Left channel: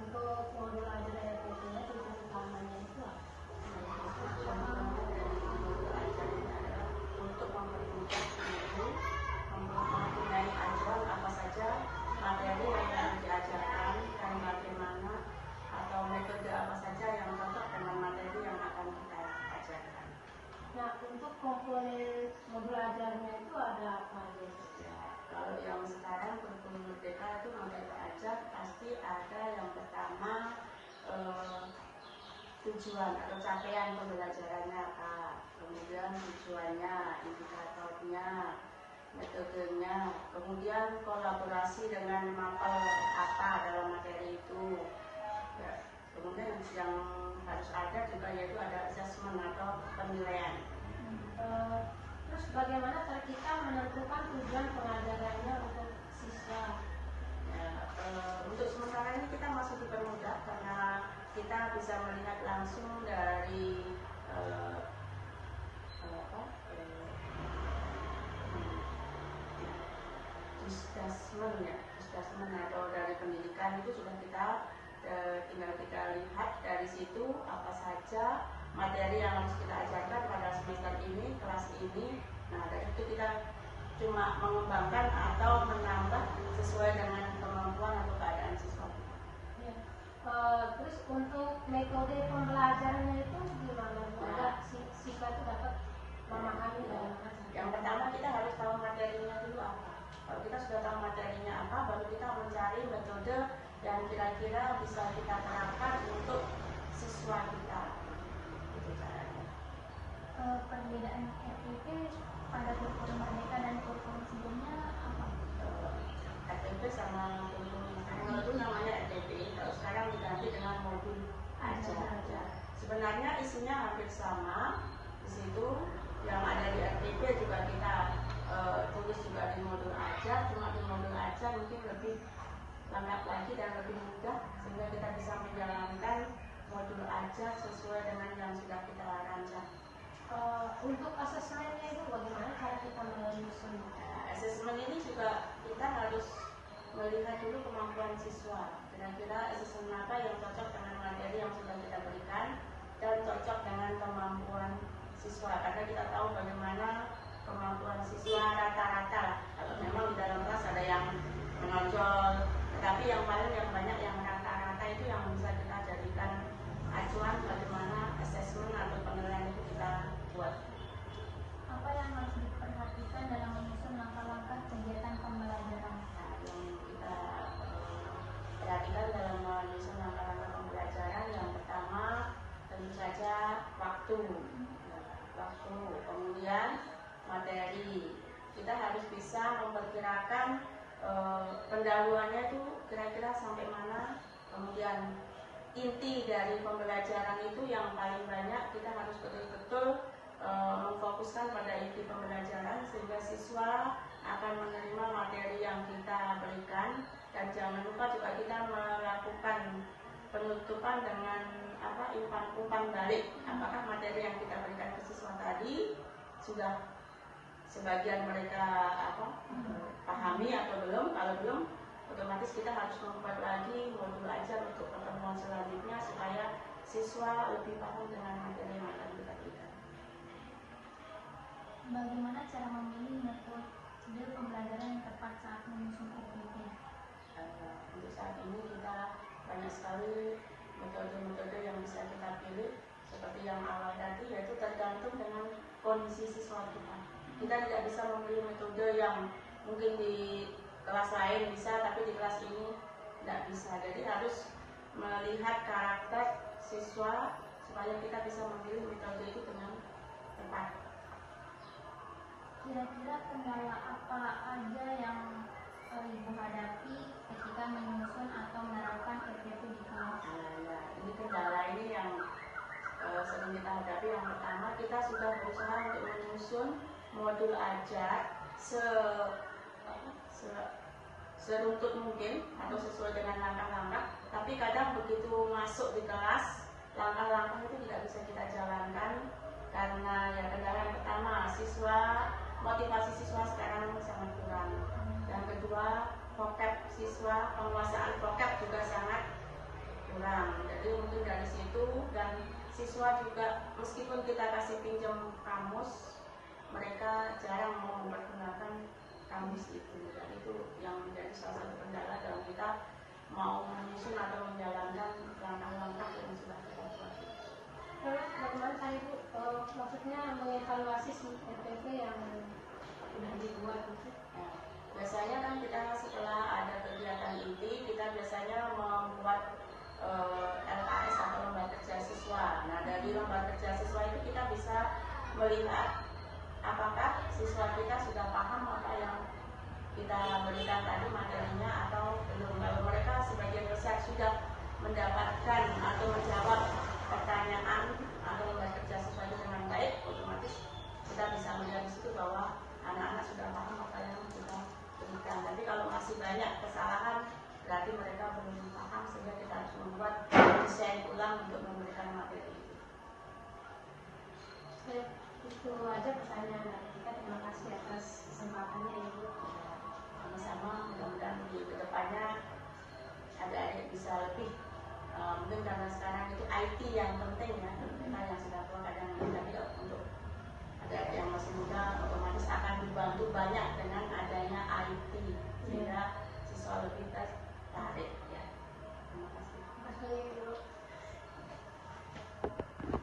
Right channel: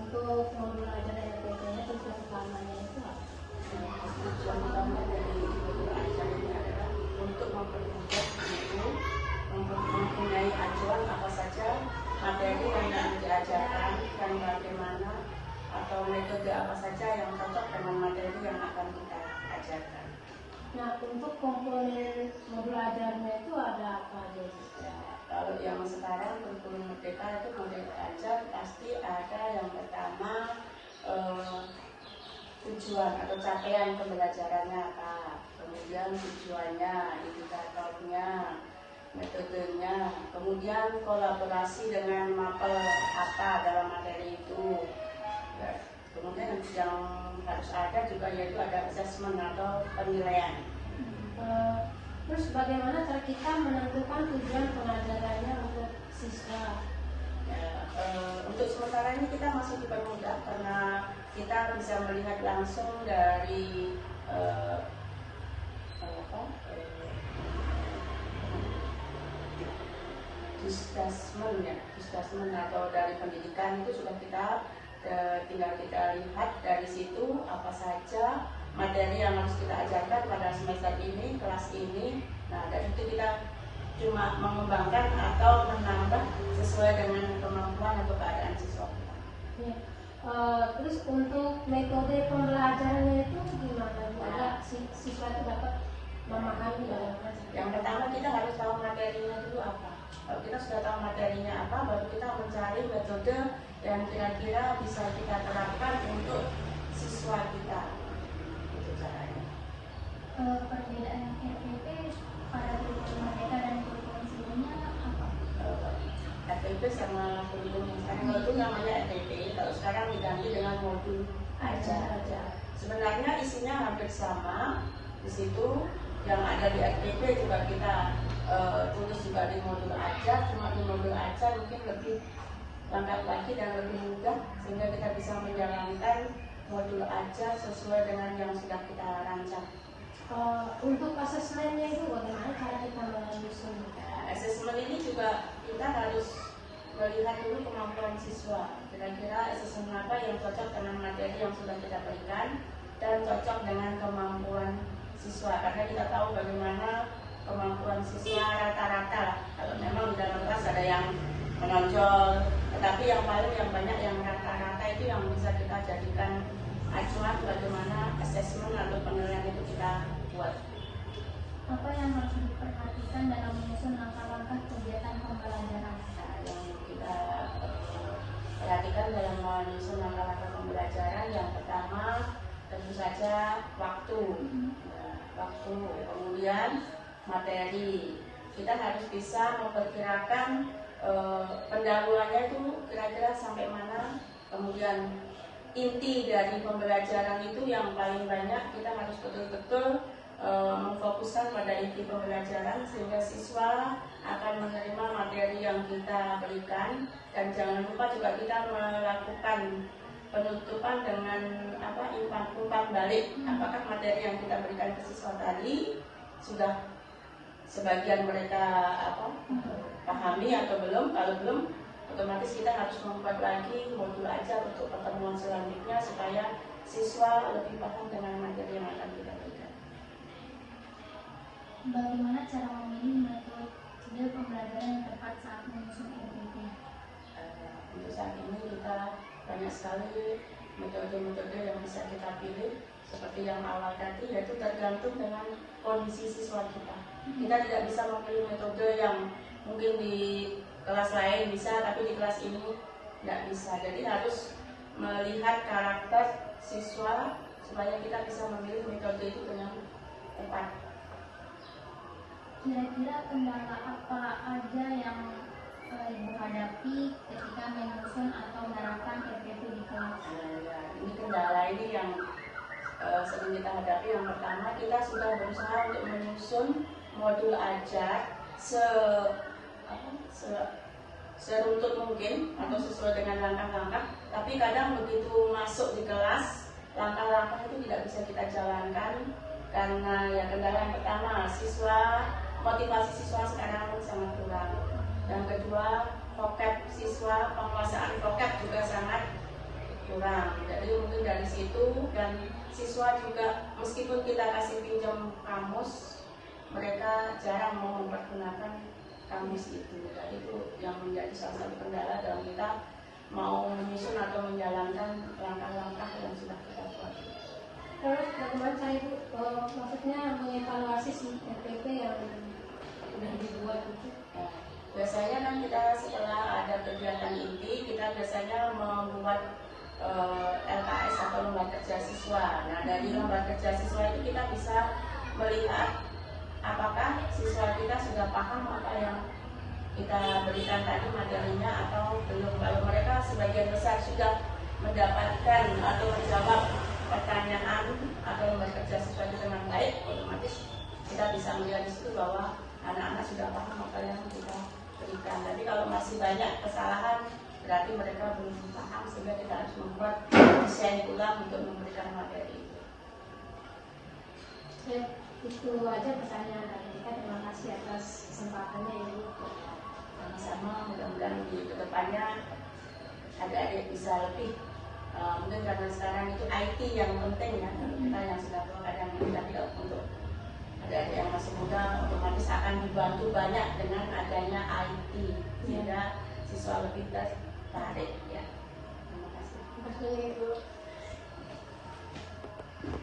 Untuk pembelajaran RPP-nya tujuan utamanya itu apa? Tujuan utama dari guru ajar ini adalah untuk mempermudah guru mempunyai ajar apa saja materi yang akan diajarkan dan bagaimana atau metode apa saja yang cocok dengan materi yang akan kita ajarkan. Nah, untuk komponen modul ajarnya itu ada apa aja? Kalau yang sekarang kurikulum merdeka itu modul ajar pasti ada yang pertama tujuan atau capaian pembelajarannya apa, kemudian tujuannya, indikatornya, metodenya, kemudian kolaborasi dengan mapel apa dalam materi itu. Ya, kemudian yang harus ada juga yaitu ada assessment atau penilaian. Terus bagaimana cara kita menentukan tujuan pengajarannya untuk siswa? Untuk sementara ini kita masih dipermudah karena kita bisa melihat langsung dari disdasmen atau dari pendidikan itu sudah kita tinggal kita lihat dari situ apa saja materi yang harus kita ajarkan pada semester ini, kelas ini. Nah, dari itu kita cuma mengembangkan atau menambah sesuai dengan kemampuan atau keadaan siswa kita. Ya. Terus untuk metode pembelajarannya itu gimana? Ada siswa itu dapat memahami dalam kelas. Yang pertama kita harus tahu materinya dulu apa. Kalau kita sudah tahu materinya apa, baru kita mencari metode yang kira-kira bisa kita terapkan untuk siswa kita. Itu caranya. Perbedaan RPP pada kurikulum merdeka dan kurikulum sebelumnya apa? RPP sama kurikulum yang sekarang itu namanya RPP. Kalau sekarang diganti dengan modul ajar. Sebenarnya isinya hampir sama. Di situ yang ada di RPP juga kita tulis juga di modul ajar. Cuma di modul ajar mungkin lebih lengkap lagi dan lebih mudah sehingga kita bisa menjalankan modul ajar sesuai dengan yang sudah kita rancang. Untuk asesmennya itu bagaimana cara kita menyusun? Asesmen ini juga kita harus melihat dulu kemampuan siswa. Kira-kira asesmen apa yang cocok dengan materi yang sudah kita berikan dan cocok dengan kemampuan siswa. Karena kita tahu bagaimana kemampuan siswa rata-rata. Kalau memang di dalam kelas ada yang menonjol, tetapi yang paling yang banyak yang rata-rata itu yang bisa kita jadikan acuan bagaimana asesmen atau penilaian itu kita buat. Apa yang harus diperhatikan dalam menyusun langkah-langkah kegiatan pembelajaran? Yang kita perhatikan dalam menyusun langkah-langkah pembelajaran, yang pertama tentu saja waktu, kemudian materi. Kita harus bisa memperkirakan pendahuluannya itu kira-kira sampai mana, kemudian inti dari pembelajaran itu yang paling banyak kita harus betul-betul memfokuskan pada inti pembelajaran sehingga siswa akan menerima materi yang kita berikan. Dan jangan lupa juga kita melakukan penutupan dengan umpan balik, apakah materi yang kita berikan ke siswa tadi sudah sebagian mereka pahami atau belum. Kalau belum, otomatis kita harus membuat lagi modul ajar untuk pertemuan selanjutnya supaya siswa lebih paham dengan materi yang akan kita berikan. Bagaimana cara memilih metode pembelajaran yang tepat saat menyusun RPP? Untuk saat ini kita banyak sekali metode-metode yang bisa kita pilih. Seperti yang awal tadi, yaitu tergantung dengan kondisi siswa kita. Kita tidak bisa memilih metode yang mungkin di kelas lain bisa, tapi di kelas ini tidak bisa. Jadi harus melihat karakter siswa supaya kita bisa memilih metode itu dengan tepat. Kira-kira kendala apa aja yang Ibu hadapi ketika menyusun atau menerapkan RPP di kelas? Ini kendala ini yang sering kita hadapi. Yang pertama, kita sudah berusaha untuk menyusun modul ajar seruntut mungkin atau sesuai dengan langkah-langkah, tapi kadang begitu masuk di kelas langkah-langkah itu tidak bisa kita jalankan karena yang kendala yang pertama, motivasi siswa sekarang sangat kurang. Dan kedua, vocab siswa, penguasaan vocab juga sangat kurang. Jadi mungkin dari situ, dan siswa juga meskipun kita kasih pinjam kamus, mereka jarang mau mempergunakan kamus itu. Jadi itu yang menjadi salah satu kendala dalam kita mau menyusun atau menjalankan langkah-langkah yang sudah kita buat. Terus bagaimana Ibu maksudnya mengevaluasi si RPP yang udah dibuat itu? Ya, biasanya kan kita setelah ada kegiatan inti, kita biasanya membuat LKS atau lembar kerja siswa. Nah, dari lembar kerja siswa itu kita bisa melihat apakah siswa kita sudah paham apa yang kita berikan tadi materinya atau belum. Kalau mereka sebagian besar sudah mendapatkan atau menjawab pertanyaan atau lembar kerja siswa itu dengan baik, otomatis kita bisa melihat di situ bahwa anak-anak sudah paham apa yang kita berikan. Tapi kalau masih banyak kesalahan, berarti mereka belum paham, sehingga kita harus membuat desain ulang untuk memberikan materi itu. Ya, itu aja pertanyaan dari kita. Terima kasih atas kesempatannya ya Bu. Sama-sama, mudah-mudahan di kedepannya adik-adik bisa lebih mungkin karena sekarang itu IT yang penting ya, kita yang sudah berkadang ini, tapi untuk adik-adik yang masih muda otomatis akan dibantu banyak dengan adanya IT, sehingga siswa lebih tertarik ya. Terima kasih. Terima kasih Bu.